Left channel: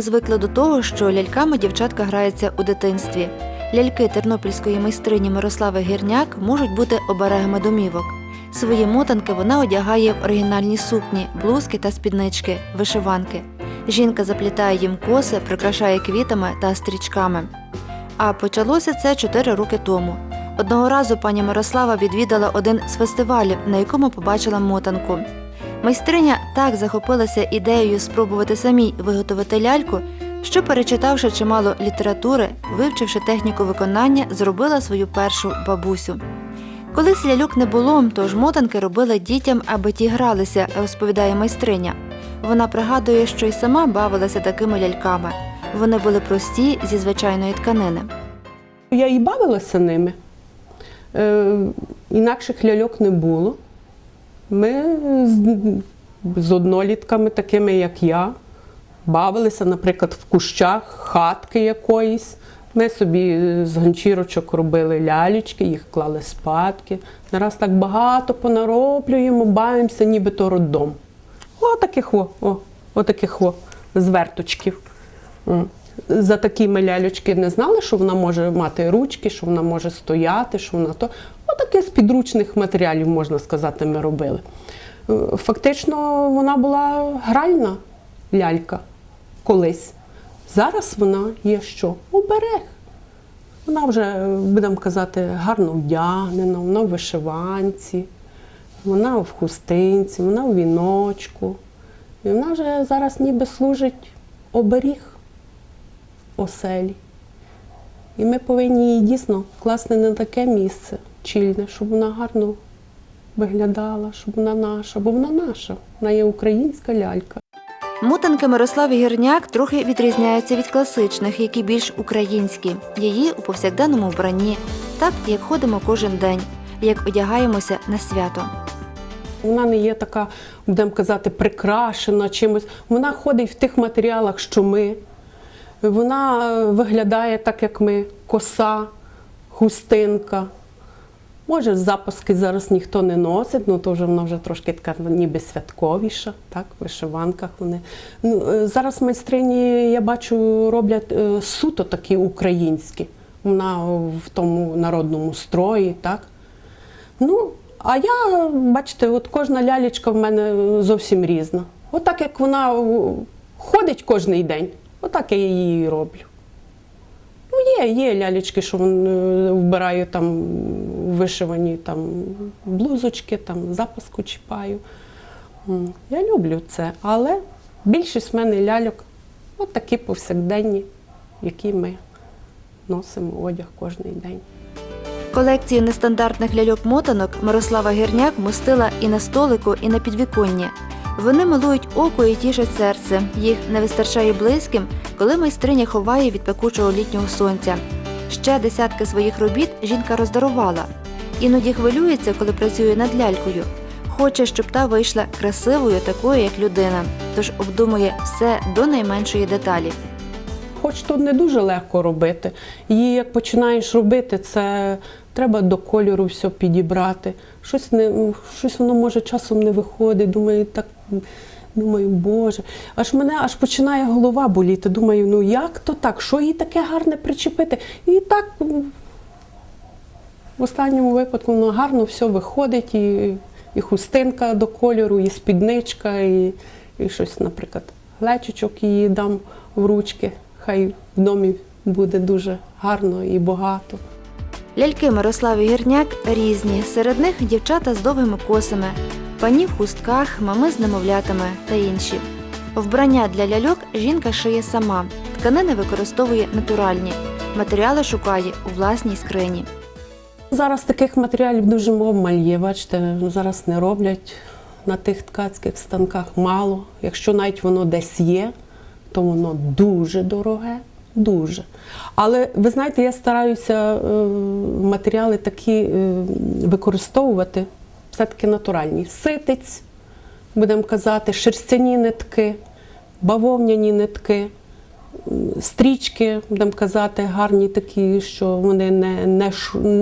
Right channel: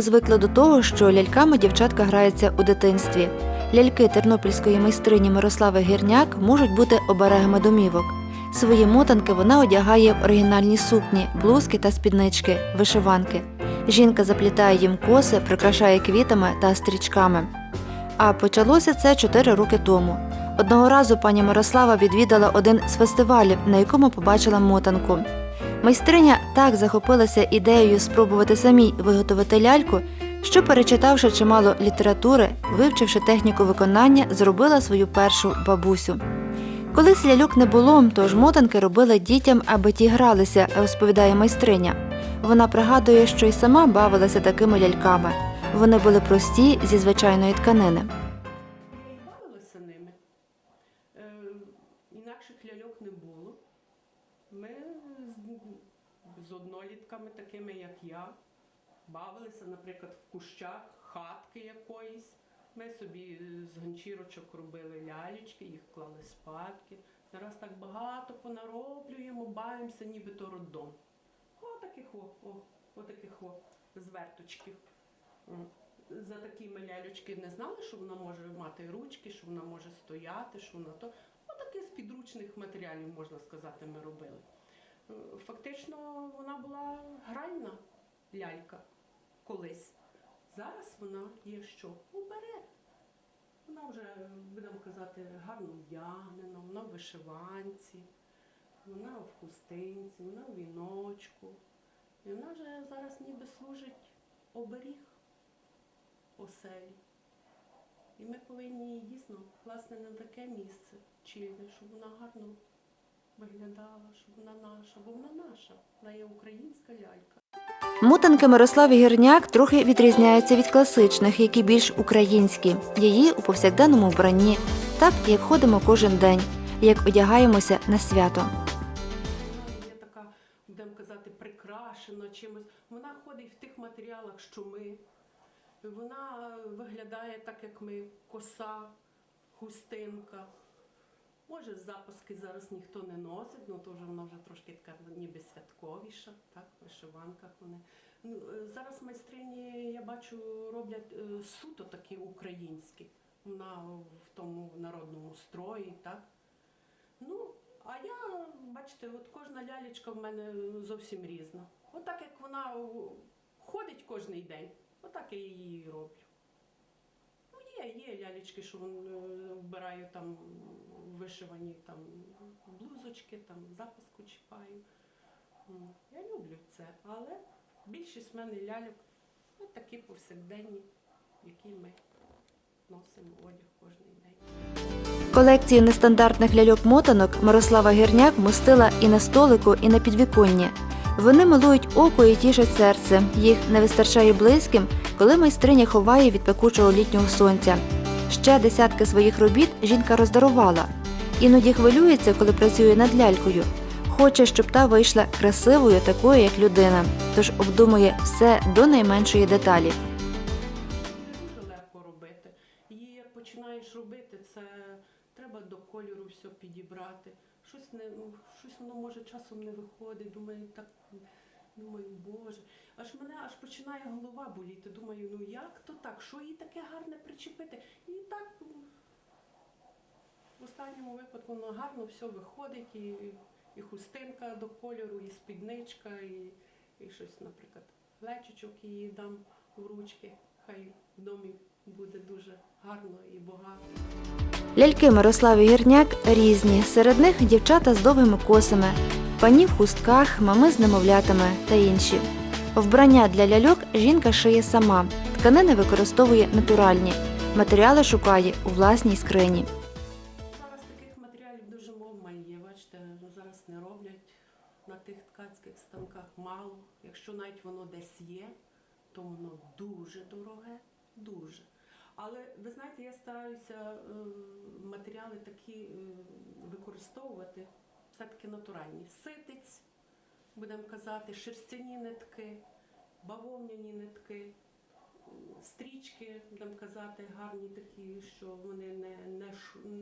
Ми звикли до того, що ляльками дівчатка граються у дитинстві. Ляльки тернопільської майстрині Мирослави Гірняк можуть бути оберегами домівок. Свої мотанки вона одягає в оригінальні сукні, блузки та спіднички, вишиванки. Жінка заплітає їм коси, прикрашає квітами та стрічками. А почалося це чотири роки тому. Одного разу пані Мирослава відвідала один з фестивалів, на якому побачила мотанку. Майстриня так захопилася ідеєю спробувати самій виготовити ляльку, що, перечитавши чимало літератури, вивчивши техніку виконання, зробила свою першу бабусю. Колись ляльок не було, тож мотанки робили дітям, аби ті гралися, розповідає майстриня. Вона пригадує, що й сама бавилася такими ляльками. Вони були прості зі звичайної тканини. Я і бавилася ними. Е, інакших ляльок не було. Ми з, з однолітками, такими як я, бавилися, наприклад, в кущах, хатки якоїсь. Ми собі з ганчірочок робили лялечки, їх клали спадки. Нараз так багато понароблюємо, бавимося, ніби то роддом. О, таких о, о, о таких о, зверточків. М. За такі ми лялечки не знали, що вона може мати ручки, що вона може стояти, що вона то. Отаке з підручних матеріалів, можна сказати, ми робили. Е, Фактично, вона була гральна лялька колись. Зараз вона є що? Оберег. Вона вже, будемо казати, гарно вдягнена, вона в вишиванці, вона в хустинці, вона в віночку. І вона вже зараз ніби служить оберіг оселі. І ми повинні її дійсно класти на таке місце чільне, щоб вона гарно виглядала, щоб вона наша, бо вона наша, вона є українська лялька. Мотанки Мирослави Гірняк трохи відрізняються від класичних, які більш українські. Її у повсякденному вбранні, так як ходимо кожен день, як одягаємося на свято. Вона не є така, будемо казати, прикрашена чимось. Вона ходить в тих матеріалах, що ми. Вона е, виглядає так, як ми: коса, хустинка. Може, запаски зараз ніхто не носить, ну то вже вона вже трошки така ніби святковіша, так, в вишиванках вони. Ну, е, зараз майстрині, я бачу, роблять е, суто такі українські. Вона в тому народному строї, так. Ну, а я, бачите, от кожна лялечка в мене зовсім різна. Отак, як вона ходить кожен день, отак я її роблю. Є, є лялечки, що вон, е, вбираю там вишивані там, блузочки, там, запаску чіпаю. Я люблю це, але більшість в мене ляльок от такі повсякденні, які ми носимо одяг кожен день. Колекцію нестандартних ляльок-мотанок Мирослава Гірняк мостила і на столику, і на підвіконні. Вони милують око і тішать серце. Їх не вистачає близьким, коли майстриня ховає від пекучого літнього сонця. Ще десятки своїх робіт жінка роздарувала. Іноді хвилюється, коли працює над лялькою. Хоче, щоб та вийшла красивою, такою, як людина, тож обдумує все до найменшої деталі. Хоч тут не дуже легко робити. Її як починаєш робити, це треба до кольору все підібрати. Щось не щось воно може часом не виходить. Думаю, так думаю, Боже. Аж мене аж починає голова боліти. Думаю, ну як то так? Що їй таке гарне причепити? І так в останньому випадку воно гарно все виходить, і, і хустинка до кольору, і спідничка, і, і щось, наприклад, глечичок її дам в ручки. Хай в домі буде дуже гарно і багато. Ляльки Мирослави Гірняк різні. Серед них дівчата з довгими косами, пані в хустках, мами з немовлятами та інші. Вбрання для ляльок жінка шиє сама. Тканини використовує натуральні. Матеріали шукає у власній скрині. Зараз таких матеріалів дуже обмаль є. Бачите, зараз не роблять на тих ткацьких станках мало. Якщо навіть воно десь є, то воно дуже дороге, дуже. Але ви знаєте, я стараюся е, матеріали такі е, використовувати, все-таки натуральні. Ситиць, будемо казати, шерстяні нитки, бавовняні нитки. Стрічки, будемо казати, гарні такі, що вони не, не,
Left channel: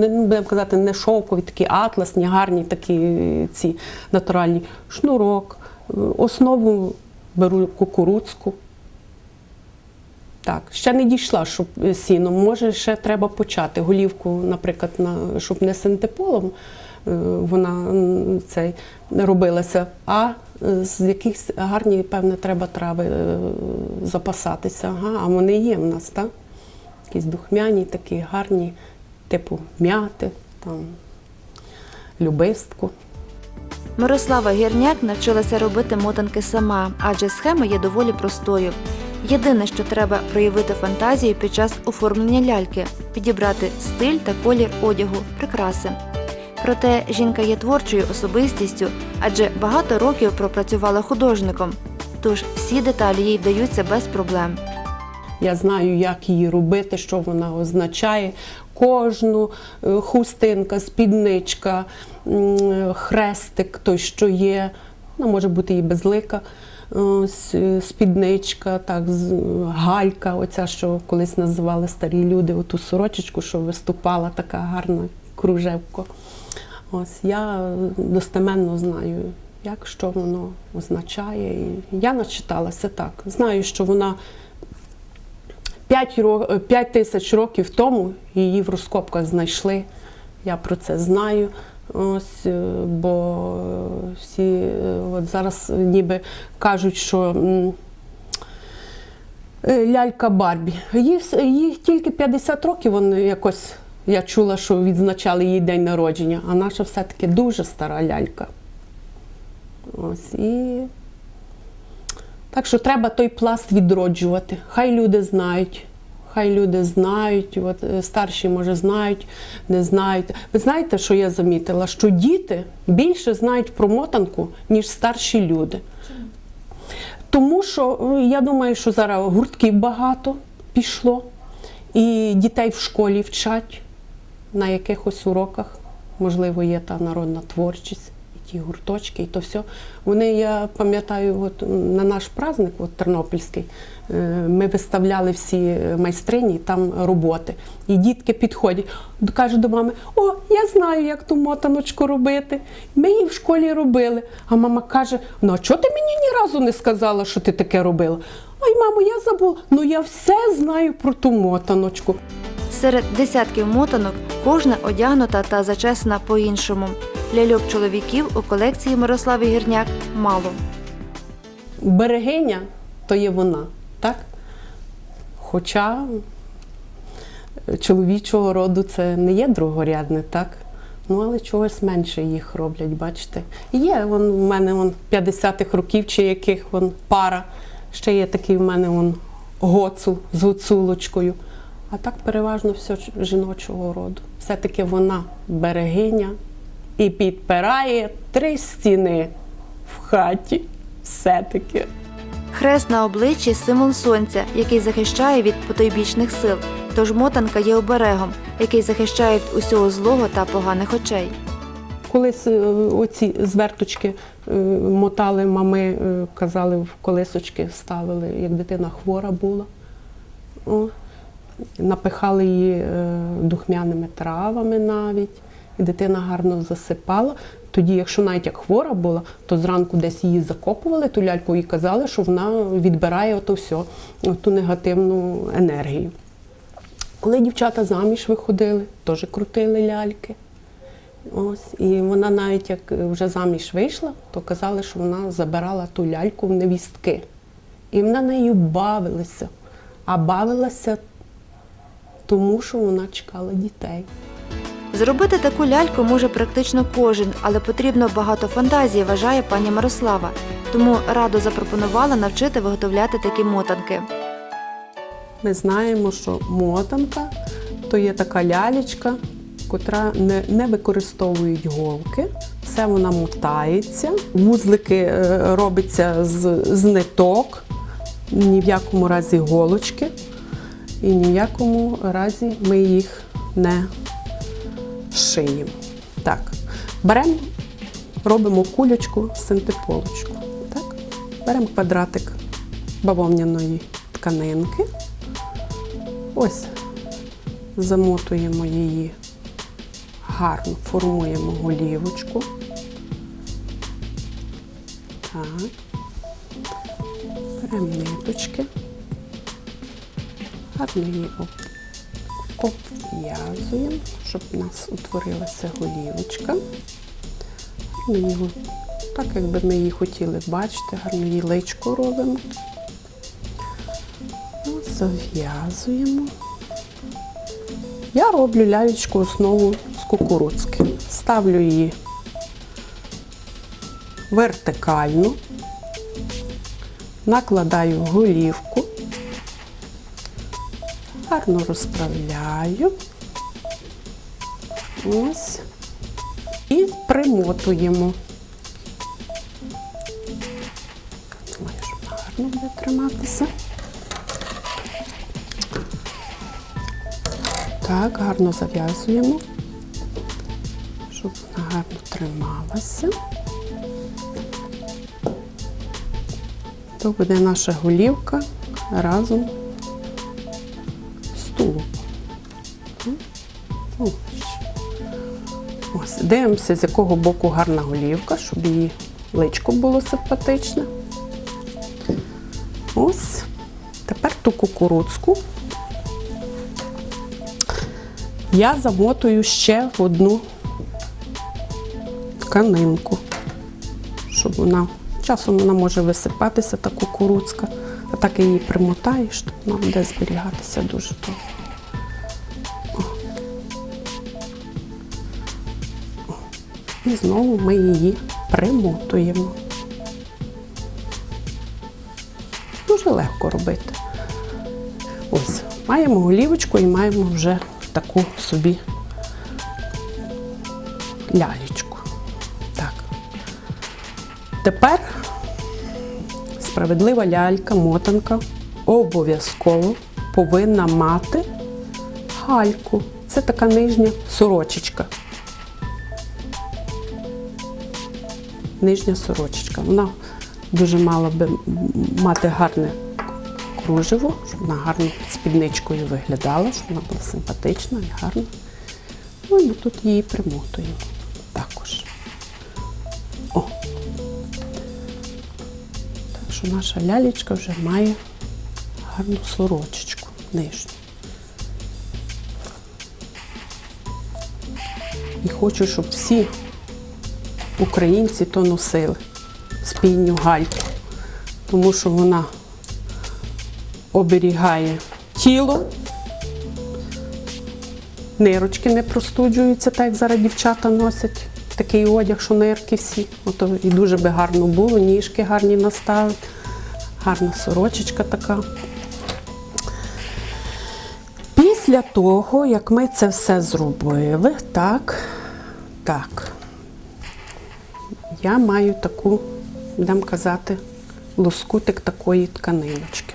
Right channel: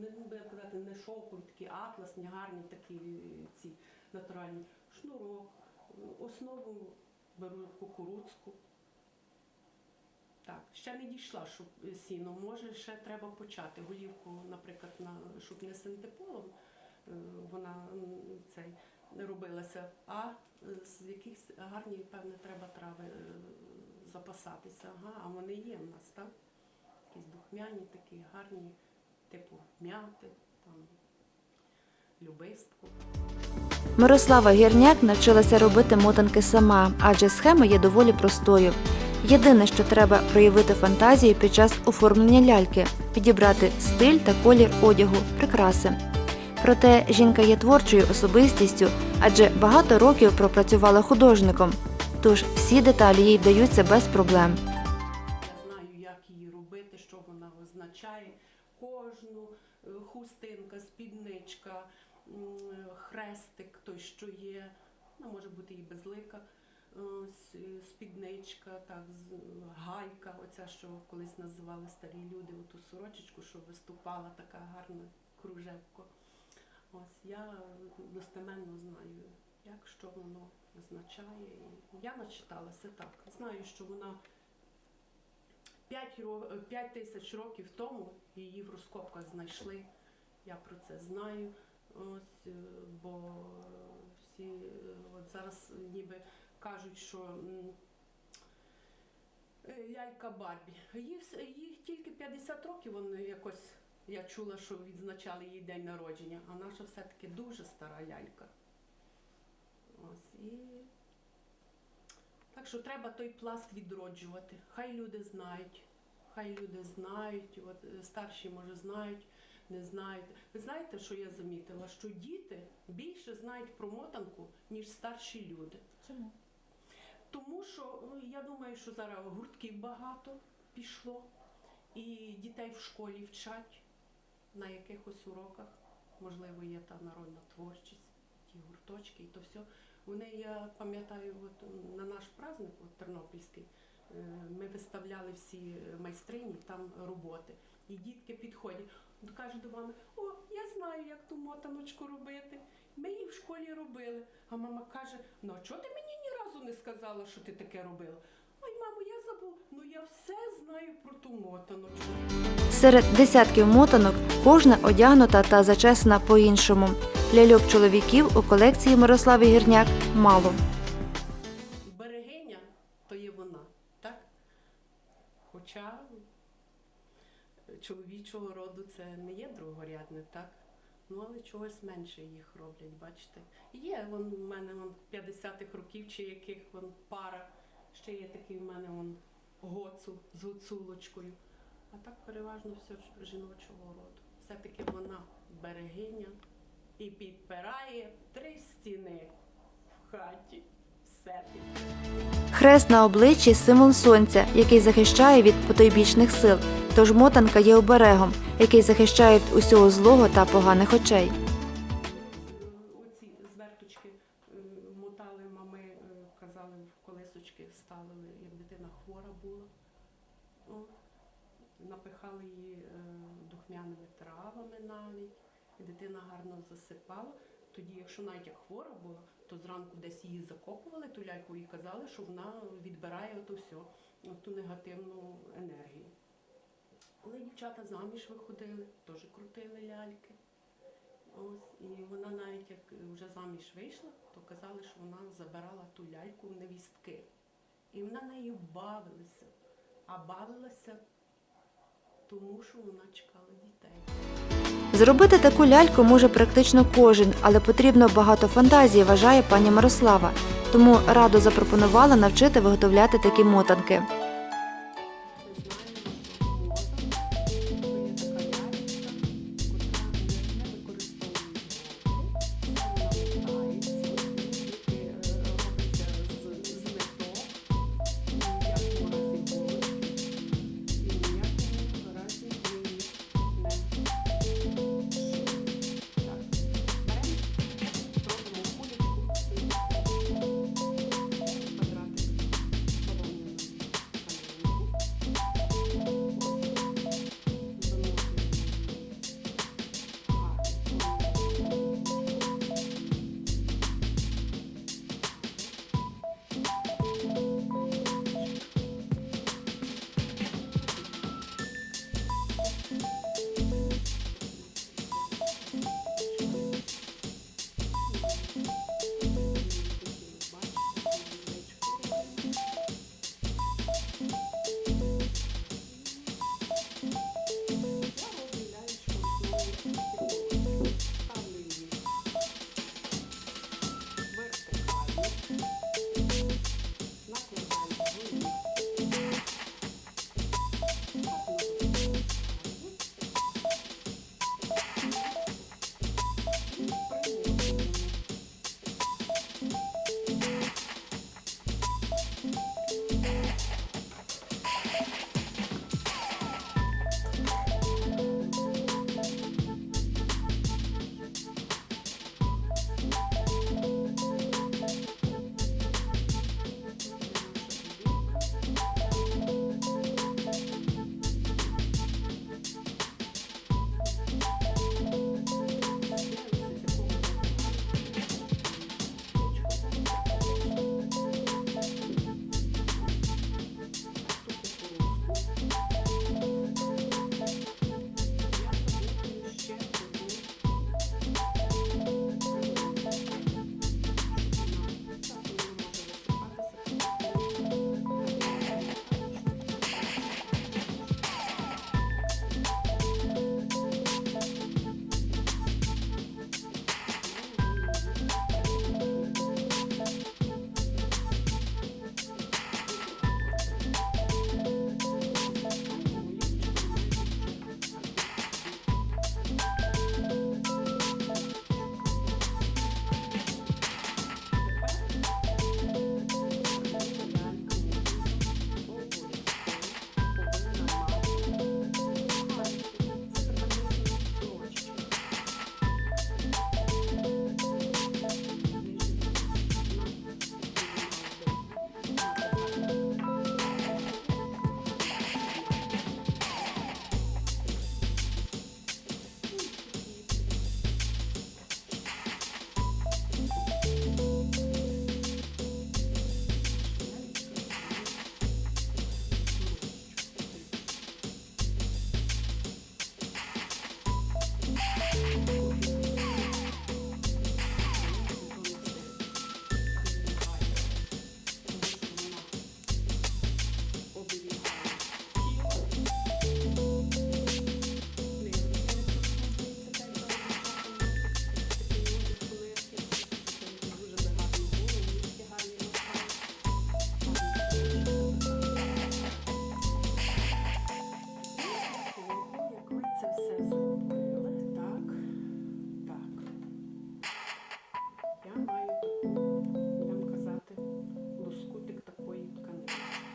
будемо казати, не шовкові, такі атласні, гарні такі ці натуральні. Шнурок. Основу беру кукурудзку. Так, ще не дійшла, щоб сіном. Може, ще треба почати. Голівку, наприклад, на, щоб не синтеполом вона цей, робилася, а е, з якихось гарні, певне, треба трави е, запасатися. Ага, а вони є в нас, так? Якісь духмяні, такі гарні, типу м'яти, там, любистку. Мирослава Гірняк навчилася робити мотанки сама, адже схема є доволі простою. Єдине, що треба проявити фантазію під час оформлення ляльки, підібрати стиль та колір одягу, прикраси. Проте жінка є творчою особистістю, адже багато років пропрацювала художником. Тож всі деталі їй вдаються без проблем. Я знаю, як її робити, що вона означає. Кожну е, хустинка, спідничка, хрестик, той, що є, вона може бути і безлика. Е, спідничка, так, галька, оця, що колись називали старі люди, оту сорочечку, що виступала така гарна кружевко. Ось я е, достеменно знаю, як що воно означає. І я начиталася так. Знаю, що вона 5, ро- 5 тисяч років тому її в розкопках знайшли. Я про це знаю. Ось, е, бо е, всі от зараз ніби кажуть, що лялька Барбі. Їй тільки 50 років вони якось. Я чула, що відзначали її день народження, а наша все-таки дуже стара лялька. Ось і так що треба той пласт відроджувати. Хай люди знають. Хай люди знають, от е, старші, може, знають, не знають. Ви знаєте, що я замітила? Що діти більше знають про мотанку, ніж старші люди. Тому що е, я думаю, що зараз гуртків багато пішло, і дітей в школі вчать на якихось уроках. Можливо, є та народна творчість, і ті гурточки, і то все. Вони, я пам'ятаю, от на наш праздник, от Тернопільський, е, ми виставляли всі майстрині, там роботи. І дітки підходять, кажуть до мами: О, я знаю, як ту мотаночку робити. Ми її в школі робили. А мама каже: Ну, а чого ти мені ні разу не сказала, що ти таке робила? Ой, мамо, я забула. Ну я все знаю про ту мотаночку. Серед десятків мотанок кожна одягнута та зачесана по-іншому. Ляльок чоловіків у колекції Мирослави Гірняк мало. берегиня то є вона, так? Хоча чоловічого роду це не є другорядне, так? Ну, але чогось менше їх роблять, бачите. Є вон, у мене вон 50-х років чи яких вон пара. Ще є такий в мене вон гоцул з гуцулочкою. А так переважно все жіночого роду. Все-таки вона берегиня і підпирає три стіни в хаті. Все-таки. Хрест на обличчі символ сонця, який захищає від потойбічних сил. Тож мотанка є оберегом, який захищає від усього злого та поганих очей. Колись е, оці зверточки е, мотали мами, е, казали, в колесочки ставили, як дитина хвора була. О, напихали її е, духмяними травами навіть, і дитина гарно засипала. Тоді, якщо навіть як хвора була, то зранку десь її закопували, ту ляльку і казали, що вона відбирає ото все, ту негативну енергію. Коли дівчата заміж виходили, теж крутили ляльки. Ось, і вона навіть як вже заміж вийшла, то казали, що вона забирала ту ляльку в невістки. І вона нею бавилася. А бавилася тому, що вона чекала дітей. Зробити таку ляльку може практично кожен, але потрібно багато фантазії, вважає пані Мирослава. Тому радо запропонувала навчити виготовляти такі мотанки. Ми знаємо, що мотанка то є така лялечка, котра не, не використовують голки. Все вона мотається, вузлики е, робиться з, з ниток, ні в якому разі голочки, і ні в якому разі ми їх не шиємо. Так, беремо, робимо кулечку, синтеполочку. Так, беремо квадратик бавовняної тканинки. Ось замотуємо її гарно, формуємо голівочку. Так. Гарно її обв'язуємо, щоб у нас утворилася голівочка. Ми його, так, якби ми її хотіли бачити, гарно її робимо. Ось Зав'язуємо. Я роблю лялечку основу з кукурудзки. Ставлю її вертикально, накладаю голівку, гарно розправляю. Ось. І примотуємо. Так, гарно зав'язуємо, щоб вона гарно трималася. То буде наша голівка разом дивимося, з якого боку гарна голівка, щоб її личко було симпатичне. Ось. Тепер ту кукурудзку я замотую ще в одну тканинку, щоб вона часом вона може висипатися, та кукурудзка, а так її примотаєш, то вона буде зберігатися дуже довго. І знову ми її примотуємо. Дуже легко робити. Ось, маємо голівочку і маємо вже таку собі лялечку. Так. Тепер справедлива лялька, мотанка обов'язково повинна мати гальку. Це така нижня сорочечка. Нижня сорочечка. Вона дуже мала би мати гарне кружево, щоб вона гарно спідничкою виглядала, щоб вона була симпатична і гарна. Ну і ми тут її примотуємо також. О. Так що наша лялечка вже має гарну сорочечку нижню. І хочу, щоб всі українці то носили спільню гальку, тому що вона оберігає тіло, нирочки не простуджуються, так як зараз дівчата носять такий одяг, що нирки всі. Ото і дуже би гарно було, ніжки гарні наставити, гарна сорочечка така. Після того, як ми це все зробили, так, так, я маю таку, будемо казати, лоскутик такої тканиночки.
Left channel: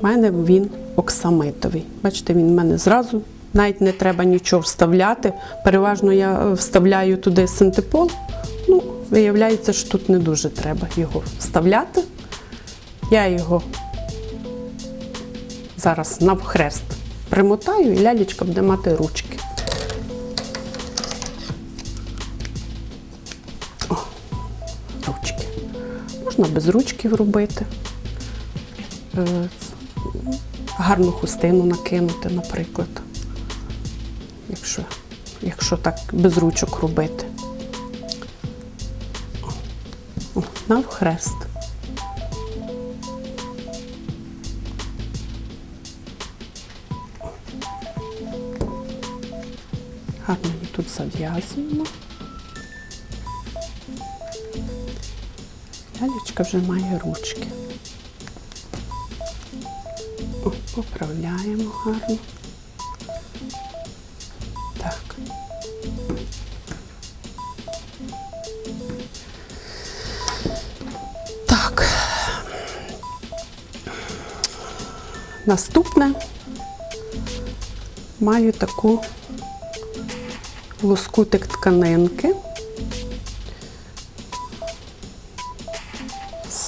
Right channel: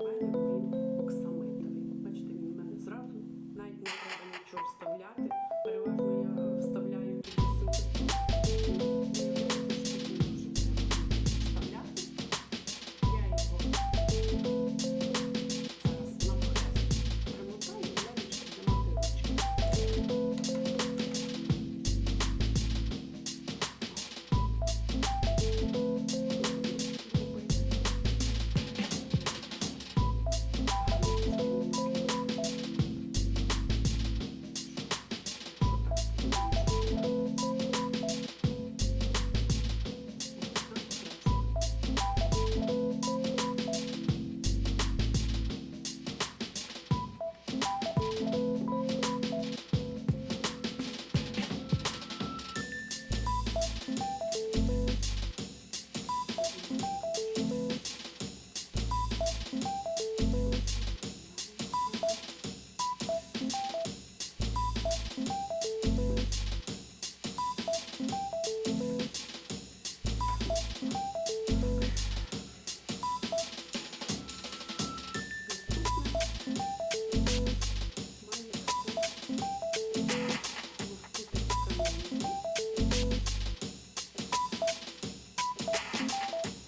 У мене він оксамитовий. Бачите, він в мене зразу, навіть не треба нічого вставляти. Переважно я вставляю туди синтепон. Ну, виявляється, що тут не дуже треба його вставляти. Я його зараз навхрест примотаю і лялечка буде мати ручки. Можна без ручків робити. Е, гарну хустину накинути, наприклад, якщо, якщо так без ручок робити. Навхрест. Лялечка вже має ручки. Поправляємо гарно. Так. Так. Наступне маю таку лоскутик тканинки.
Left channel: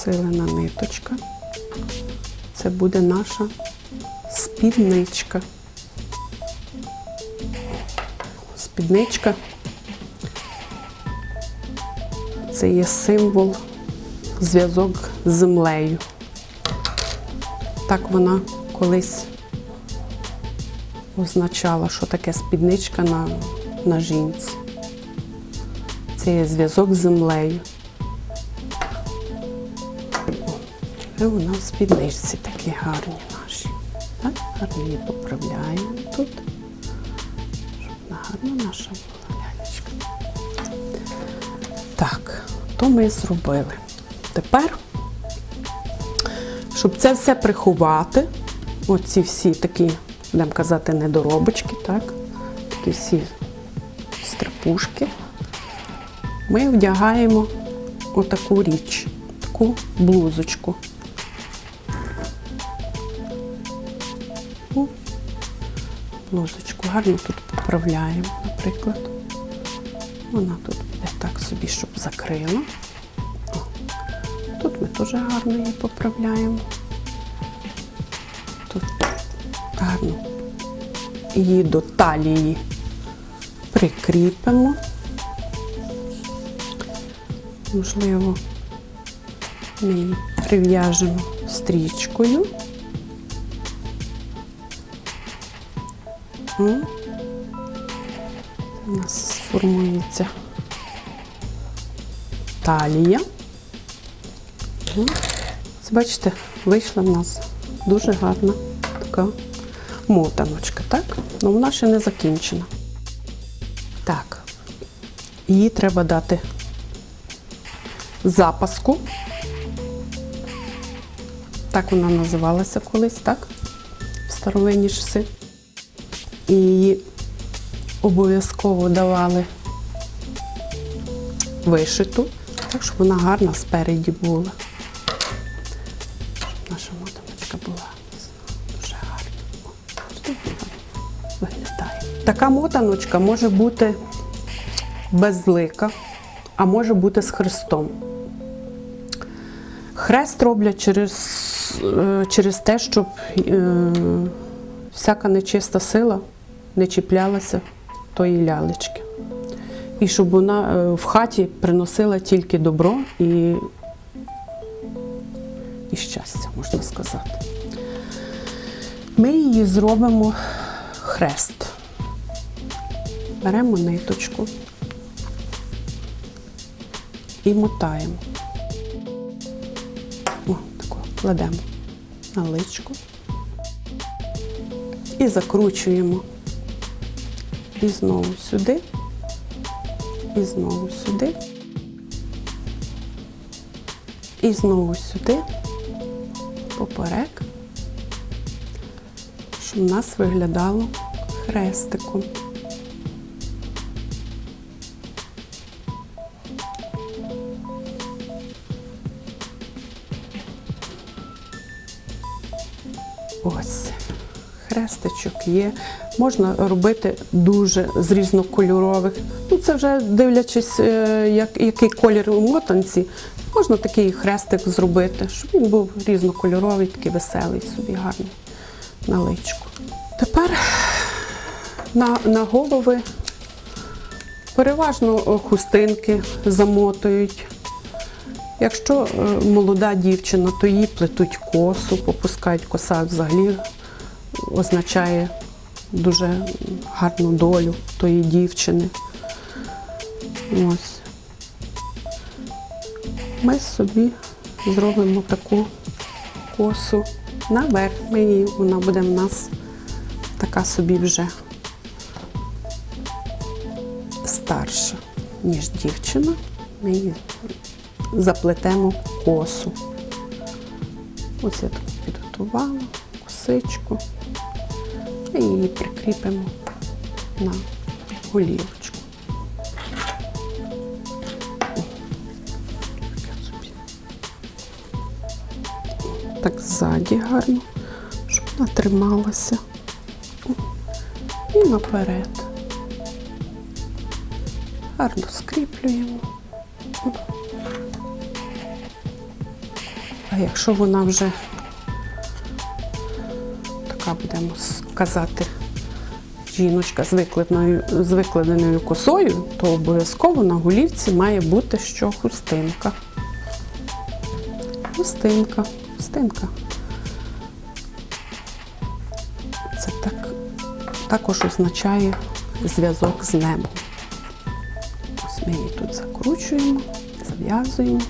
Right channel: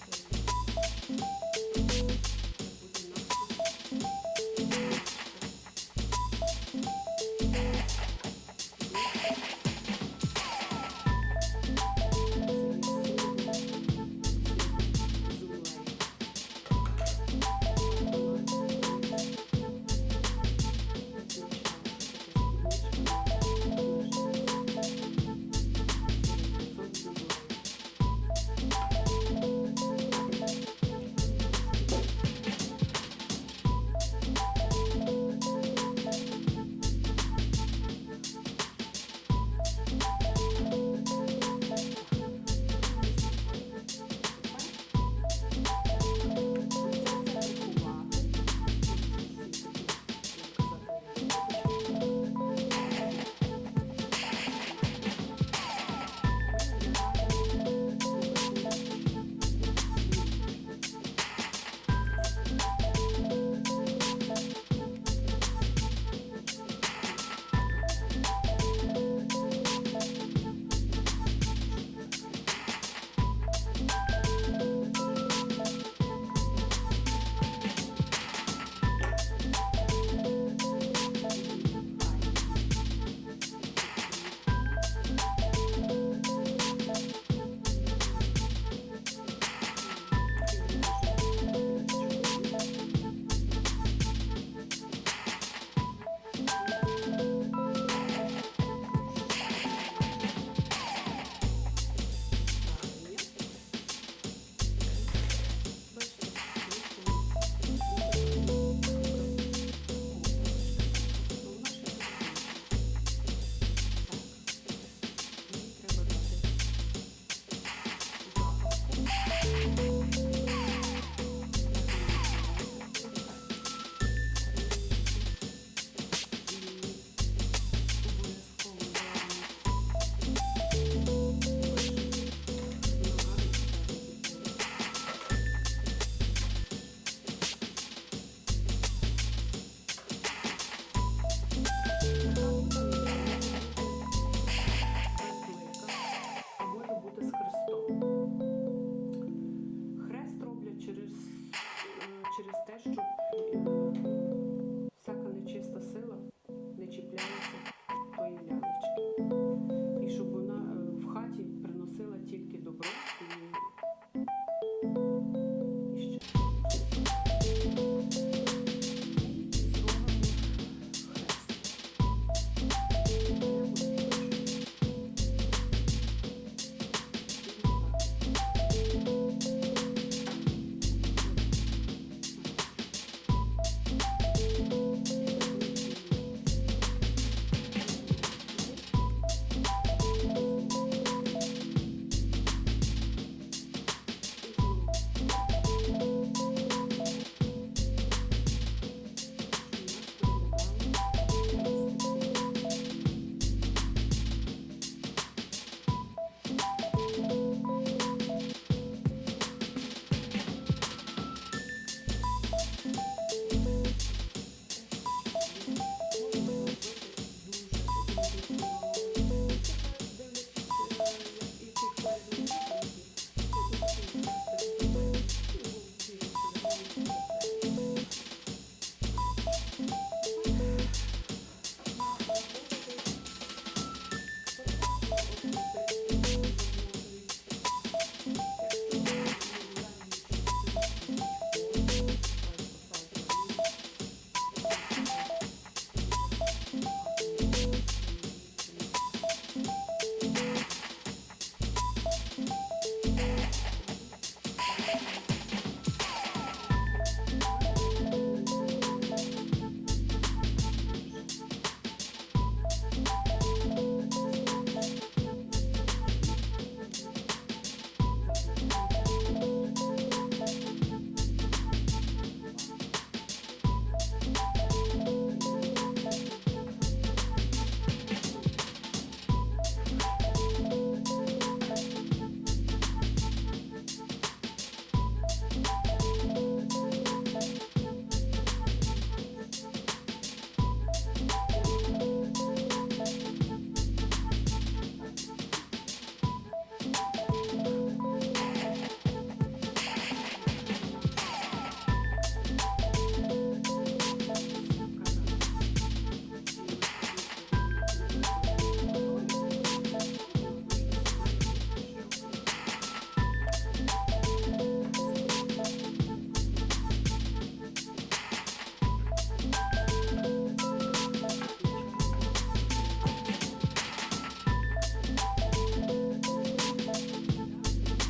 Силена ниточка. Це буде наша спідничка. Спідничка це є символ зв'язок з землею. Так вона колись означала, що таке спідничка на, на жінці. Це є зв'язок з землею. І вона в спідничці такі гарні наші. Так, гарно поправляємо тут. Щоб гарна наша лялечка. Так, то ми зробили. Тепер, щоб це все приховати, оці всі такі, будемо казати, недоробочки, так? Такі всі страпушки, ми вдягаємо отаку річ, таку блузочку. Блузочку гарно тут поправляємо, наприклад. Вона тут так собі, щоб закрила. Тут ми теж гарно її поправляємо. Тут гарно її до талії прикріпимо. Можливо, ми її прив'яжемо стрічкою. О, У нас сформується талія. Бачите, вийшла в нас дуже гарна така мотаночка, так? Ну вона ще не закінчена. Так, її треба дати запаску. Так вона називалася колись, так? В старовинні часи. І її обов'язково давали вишиту, так щоб вона гарна спереді була. Наша мотаночка була дуже гарна. Виглядає. Така мотаночка може бути безлика, а може бути з хрестом. Хрест роблять через, е, через те, щоб е, всяка нечиста сила не чіплялася тої лялечки. І щоб вона е, в хаті приносила тільки добро і, і щастя, можна сказати. Ми її зробимо хрест. Беремо ниточку і мотаємо. О, таку кладемо на личку і закручуємо. І знову сюди, і знову сюди, і знову сюди, поперек, щоб у нас виглядало хрестиком. Ось. Хрестичок є. Можна робити дуже з різнокольорових. Ну, це вже дивлячись, е, як, який колір у мотанці, можна такий хрестик зробити, щоб він був різнокольоровий, такий веселий собі, гарний на личку. Тепер на, на голови переважно хустинки замотують. Якщо е, молода дівчина, то їй плетуть косу, попускають коса взагалі означає дуже гарну долю тої дівчини. Ось. Ми собі зробимо таку косу наверх. Її, вона буде в нас така собі вже старша, ніж дівчина. Ми її заплетемо косу. Ось я так підготувала косичку і її прикріпимо на голівочку. Так ззаді гарно, щоб вона трималася. І наперед. Гарно скріплюємо. А якщо вона вже казати, жіночка з викладеною, з викладеною косою, то обов'язково на голівці має бути що хустинка. Хустинка, хустинка. Це так, також означає зв'язок з небом. Ось ми її тут закручуємо, зав'язуємо.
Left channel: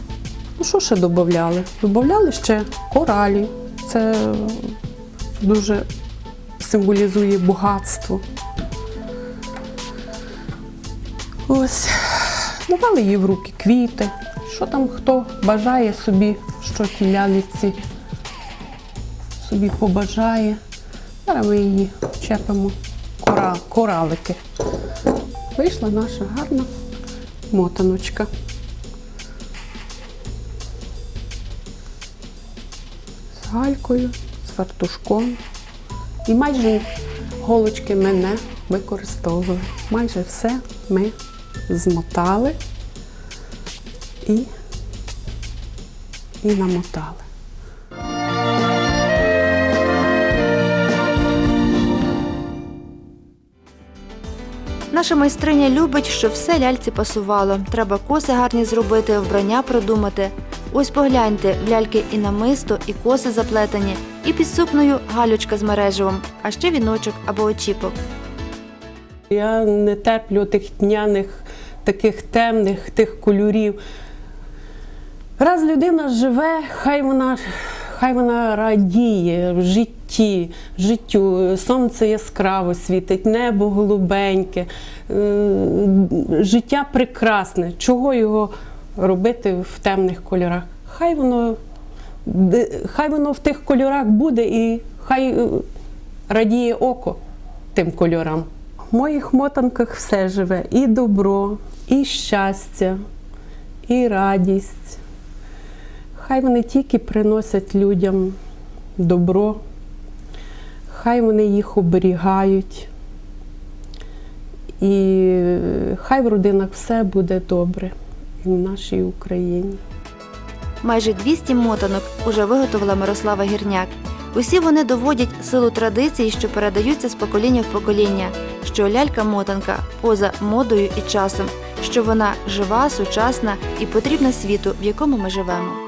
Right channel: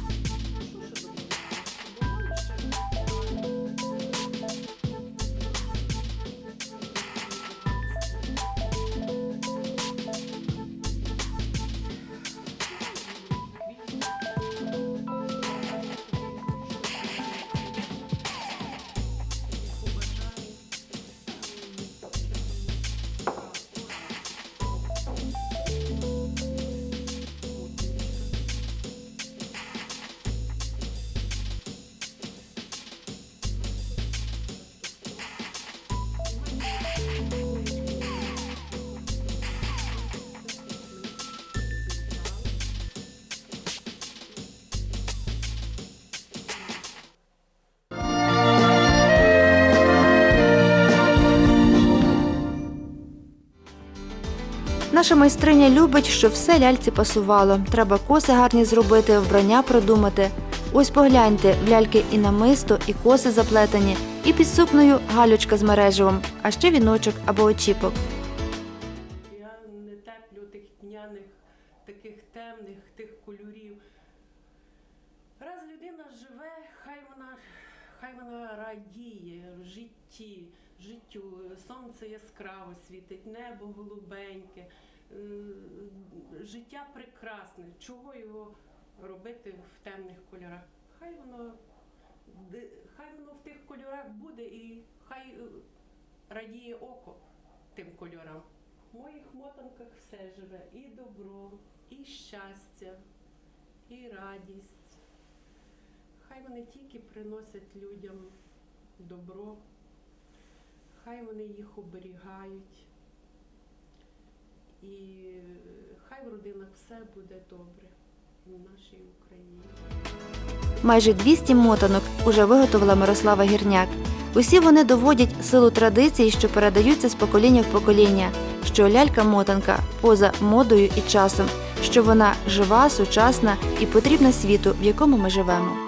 Ну, що ще додавали? Додавали ще коралі. Це дуже символізує багатство. Ось, давали їй в руки квіти. Що там хто бажає собі, що ті собі побажає. Зараз ми її чепимо кора, коралики. Вийшла наша гарна мотаночка. З галькою, з фартушком. І майже голочки ми не використовували. Майже все ми змотали і, і намотали. Наша майстриня любить, щоб все ляльці пасувало. Треба коси гарні зробити, вбрання продумати. Ось погляньте, в ляльки і намисто, і коси заплетені, і під сукнею галючка з мереживом, а ще віночок або очіпок. Я не терплю тих тьняних, таких темних, тих кольорів. Раз людина живе, хай вона, хай вона радіє в житті, життю. Сонце яскраво світить, небо голубеньке, е, життя прекрасне. Чого його робити в темних кольорах? Хай воно, хай воно в тих кольорах буде і хай е, радіє око тим кольорам. В моїх мотанках все живе і добро, і щастя, і радість. Хай вони тільки приносять людям добро, хай вони їх оберігають. І е, хай в родинах все буде добре і в нашій Україні. Майже 200 мотанок уже виготовила Мирослава Гірняк. Усі вони доводять силу традицій, що передаються з покоління в покоління, що лялька-мотанка поза модою і часом, що вона жива, сучасна і потрібна світу, в якому ми живемо.